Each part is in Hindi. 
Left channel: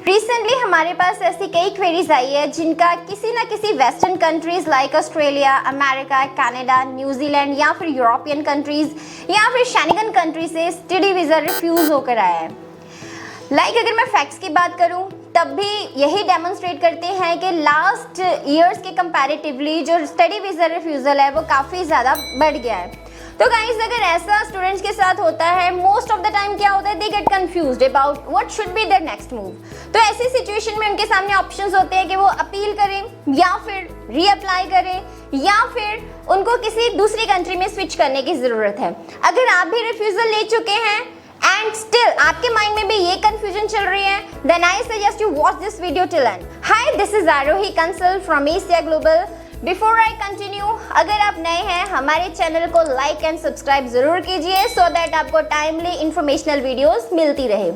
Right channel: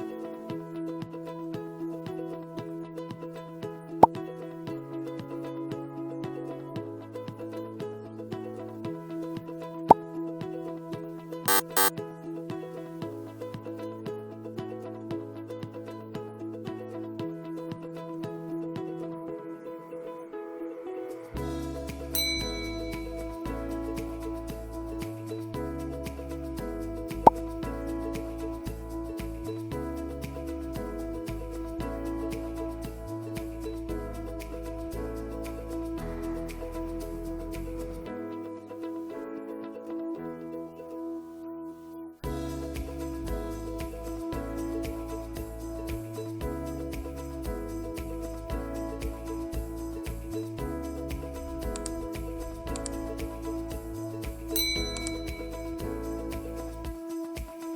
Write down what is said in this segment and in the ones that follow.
रिसेंटली हमारे पास ऐसी कई क्वेरीज आई है जिनका किसी ना किसी western countries like Australia, America, Canada, New Zealand या फिर यूरोपियन कंट्रीज या फिर शेंगन कंट्री से स्टडी वीजा रिफ्यूज होकर आया है। अगर मैं फैक्ट्स की बात करूं तब भी यही डेमोन्स्ट्रेट करते हैं कि लास्ट ईयर्स के कंपैरेटिवली जो स्टडी वीजा रिफ्यूजल है वो काफ़ी ज़्यादा बढ़ गया है। तो गाइस अगर ऐसा स्टूडेंट्स के साथ होता है, मोस्ट ऑफ द टाइम क्या होता है, they get confused about what should be there next move. तो ऐसी सिचुएशन में उनके सामने ऑप्शंस होते हैं कि वो अपील करें या फिर रीअप्लाई करें या फिर उनको किसी दूसरी कंट्री में स्विच करने की ज़रूरत है। अगर आप भी रिफ्यूजल ले चुके हैं एंड स्टिल आपके माइंड में भी ये कंफ्यूजन चल रही है, then I suggest you watch this video till end. Hi, this is Aarohi Kansal from Asia Global. Before I continue, अगर आप नए हैं हमारे चैनल को लाइक एंड सब्सक्राइब जरूर कीजिए सो दैट आपको टाइमली इंफॉर्मेशनल वीडियोस मिलती रहे।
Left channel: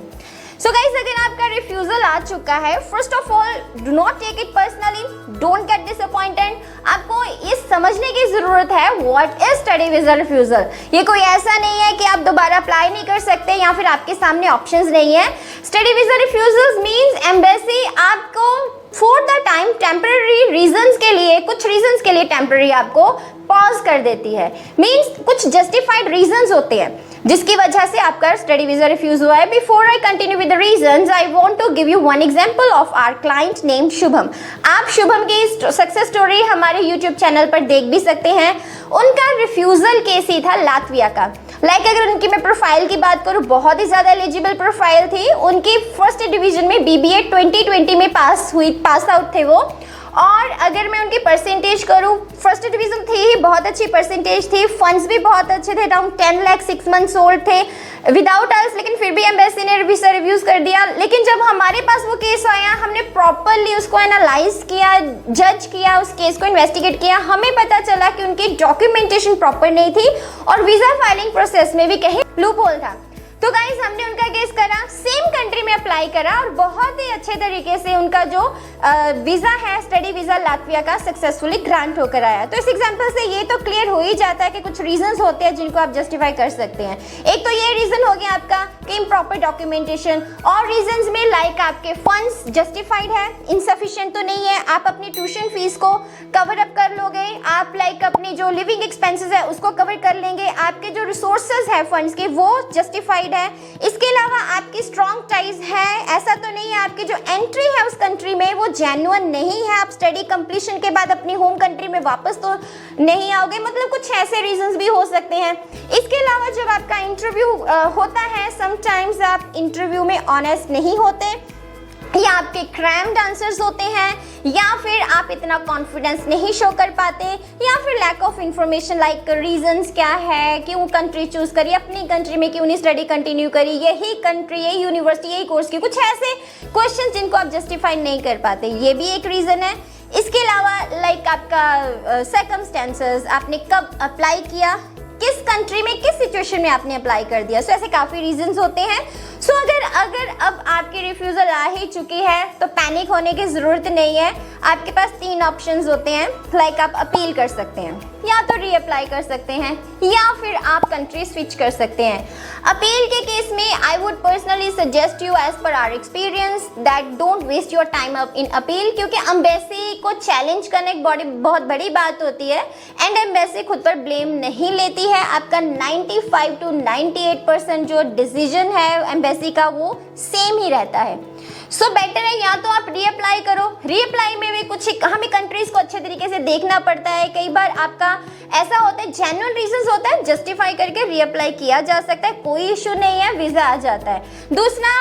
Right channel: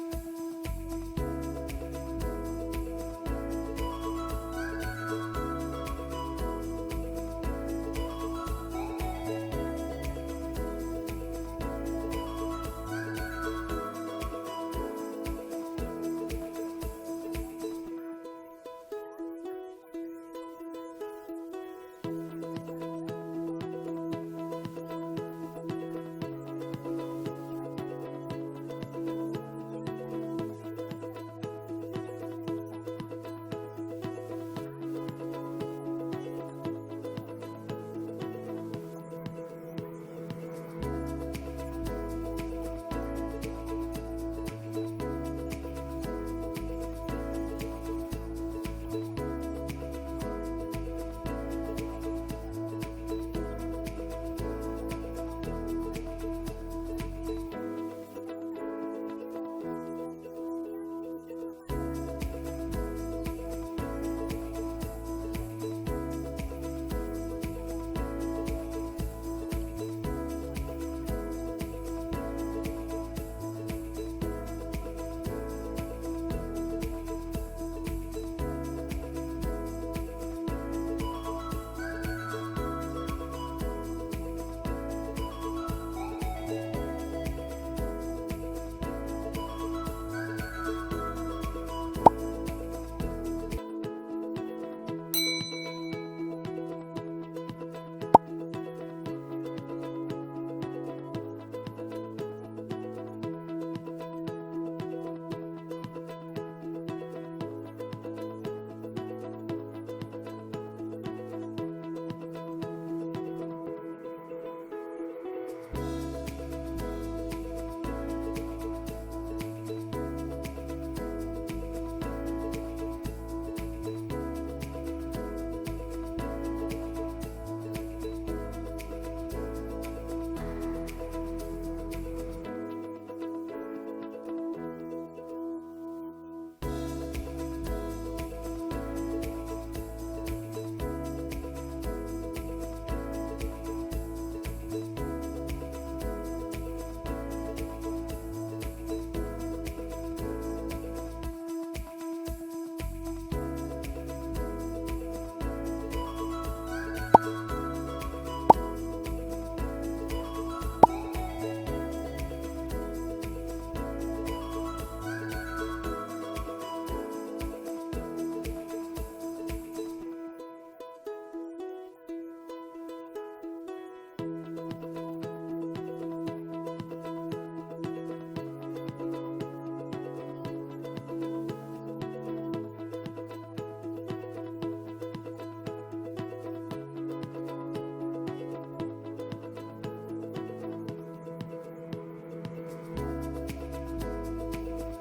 सो गाइस अगर आपका रिफ्यूजल आ चुका है, first of all do not take it personally, don't get disappointed. आपको ये समझने की जरूरत है what is study visa refusal. ये कोई ऐसा नहीं है कि आप दोबारा अप्लाई नहीं कर सकते या फिर आपके सामने ऑप्शंस नहीं है। Study visa refusal means embassy आपको for the time temporary reasons के लिए, कुछ रीजंस के लिए टेम्पररी आपको पॉज कर देती है। मींस कुछ जस्टिफाइड रीजंस होते हैं जिसकी वजह से आपका स्टडी वीजा रिफ्यूज हुआ है। Before I continue with the reasons, I want to give you one example of our client name Shubham. आप शुभम की सक्सेस स्टोरी हमारे यूट्यूब चैनल पर देख भी सकते हैं। उनका रिफ्यूजल केस ही था लातविया का। अगर उनकी मैं प्रोफाइल की बात करूं, बहुत ही ज्यादा एलिजिबल प्रोफाइल थी। उनकी फर्स्ट डिवीजन में BBA 2020 में पास आउट थे वो। और अगर मैं उनकी परसेंटेज करूं, फर्स्ट डिवीजन थी ही, बहुत अच्छी परसेंटेज थी, फंड्स भी बहुत अच्छे थे, अराउंड 10 लाख 6 मंथ्स ओल्ड थे विदाउट अस, लेकिन फिर भी एम्बेसी ने वीजा रिव्यूज कर दिया। लेकिन जब हमारे पास वो केस आया, हमने प्रॉपरली उसको एनालाइज किया, जज किया, उस केस को इन्वेस्टिगेट किया, हमें पता चला कि उनकी डॉक्यूमेंटेशन प्रॉपर नहीं थी और वीजा फाइलिंग प्रोसेस में भी कहीं लूप होल था। तो गाइस हमने उनका केस करा, सेम कंट्री में अप्लाई करा और बहुत ही अच्छे तरीके से उनका जो वीजा है, स्टडी वीजा लातविया का, सक्सेसफुली ग्रांट होकर आया। तो इस एग्जांपल से ये तो क्लियर हो ही जाता है कि कुछ रीजंस होते हैं जिनको आप जस्टिफाई कर सकते हैं। एक तो ये रीजन हो गया आपका कि इम्प्रॉपर डॉक्यूमेंटेशन, और रीजंस में लाइक आपके फंड्स जस्टिफाइड है, इनसफिशिएंट तो नहीं है, आप अपनी ट्यूशन फीस को कवर अप कर लोगे, आप अपनी जो लिविंग एक्सपेंसेस है उसको कवर कर लेंगे, आपके जो रिसोर्सेज है फंड्स के वो जस्टिफाइड है। इसके अलावा आपकी स्ट्रॉन्ग टाइज है, ऐसा तो नहीं है आपकी जो एंट्री है उस कंट्री में वो जेन्युइन नहीं है, आप स्टडी कंप्लीशन के बाद अपनी होम कंट्री में वापस तो नहीं आओगे, मतलब कुछ ऐसे रीजंस भी हो सकते हैं। इसके अलावा जब आपका इंटरव्यू होता है, समटाइम्स आप इंटरव्यू में ऑनेस्ट नहीं होते, या आपके क्रैम्ड आंसर्स होते हैं, या फिर आप इतना कॉन्फिडेंस नहीं शो कर पाते, या फिर lack of information like reasons क्या है, क्यों कंट्री चूज करी, अपनी कंट्री में क्यों नहीं स्टडी कंटिन्यू करी, यही कंट्री, यही यूनिवर्सिटी, यही कोर्स की, कुछ ऐसे क्वेश्चन जिनको आप जस्टिफाई नहीं कर पाते, ये भी एक रीजन है। इसके अलावा आपका सर्कमस्टेंसेस, आपने कब अप्लाई किया, किस कंट्री में, किस सिचुएशन में आपने अप्लाई कर दिया, ऐसे काफी रीजंस होते हैं। अगर अब आपकी रिफ्यूजल आ ही चुकी है तो पैनिक होने की जरूरत नहीं है। आपके पास 3 ऑप्शंस होते हैं, आप अपील कर सकते हैं, या तो रीअप्लाई कर सकते हैं, या फिर आप कंट्री स्विच कर सकते हैं। अपील के केस में I would personally suggest you as per our experience that don't waste your time up in appeal, क्योंकि एम्बेसी को चैलेंज करना एक बहुत बड़ी बात होती है एंड एम्बेसी खुद पर ब्लेम नहीं लेती है। आपका 95 to 98% जो डिसीजन है एम्बेसी का वो सेम ही रहता है। सो बेटर है या तो आप रीअप्लाई करो, रीअप्लाई में भी कुछ हमें कंट्रीज को अच्छे तरीके से देखना पड़ता है। कई बार आपका ऐसा होता है, जेन्युइन रीजंस होता है, जस्टिफाई करके रीअप्लाई किया जा सकता है, कोई इशू नहीं है, वीजा आ जाता है। दूसरा,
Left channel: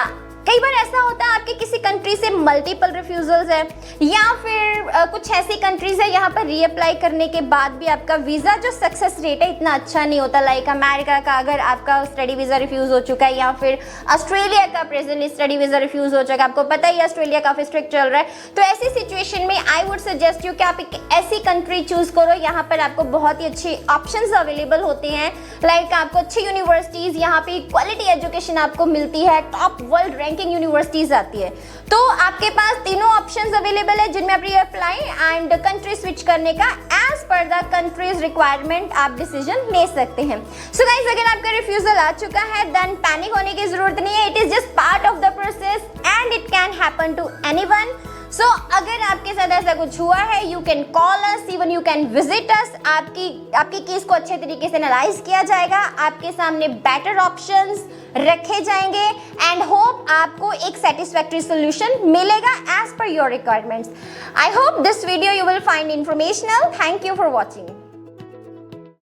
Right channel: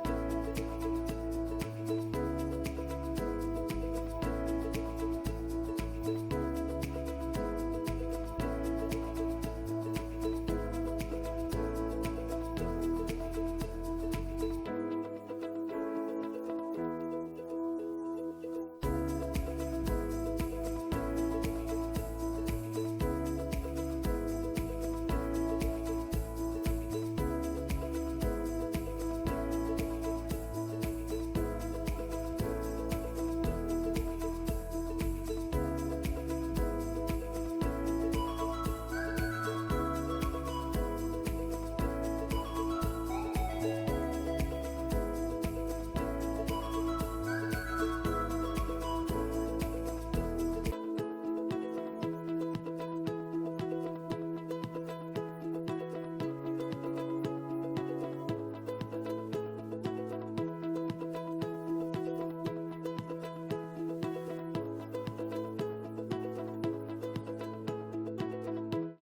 कई बार ऐसा होता है आपके किसी कंट्री से मल्टीपल रिफ्यूजल्स है, या फिर कुछ ऐसी कंट्रीज है यहाँ पर रीअप्लाई करने के बाद भी आपका वीजा जो सक्सेस रेट है इतना अच्छा नहीं होता। लाइक अमेरिका का अगर आपका स्टडी वीजा रिफ्यूज हो चुका है, या फिर ऑस्ट्रेलिया का प्रेजेंटली स्टडी वीजा रिफ्यूज हो चुका है, आपको पता ही है ऑस्ट्रेलिया काफी स्ट्रिक्ट चल रहा है। तो ऐसी सिचुएशन में आई वुड सजेस्ट यू कि आप एक ऐसी कंट्री चूज करो, यहाँ पर आपको बहुत ही अच्छे ऑप्शंस अवेलेबल होते हैं। लाइक आपको अच्छी यूनिवर्सिटीज, यहाँ पे क्वालिटी एजुकेशन आपको मिलती है, टॉप वर्ल्ड रैंकिंग यूनिवर्सिटीज आती है। तो आपके पास तीनों ऑप्शंस अवेलेबल है जिनमें आप रीअप्लाई एंड कंट्री स्विच करने का as per the countries requirement आप डिसीजन ले सकते हैं। सो गाइस अगर आपका रिफ्यूजल आ चुका है देन पैनिक होने की जरूरत नहीं है, it is just part of the process and it can happen to anyone. So अगर आपके साथ ऐसा कुछ हुआ है, you can call us, even you can visit us. आपके केस को अच्छे तरीके से एनालाइज किया जाएगा, आपके सामने बेटर ऑप्शंस रखे जाएंगे एंड होप आपको एक सेटिस्फैक्टरी सोल्यूशन मिलेगा as per your requirements. I hope this video you will find informational. Thank you for watching.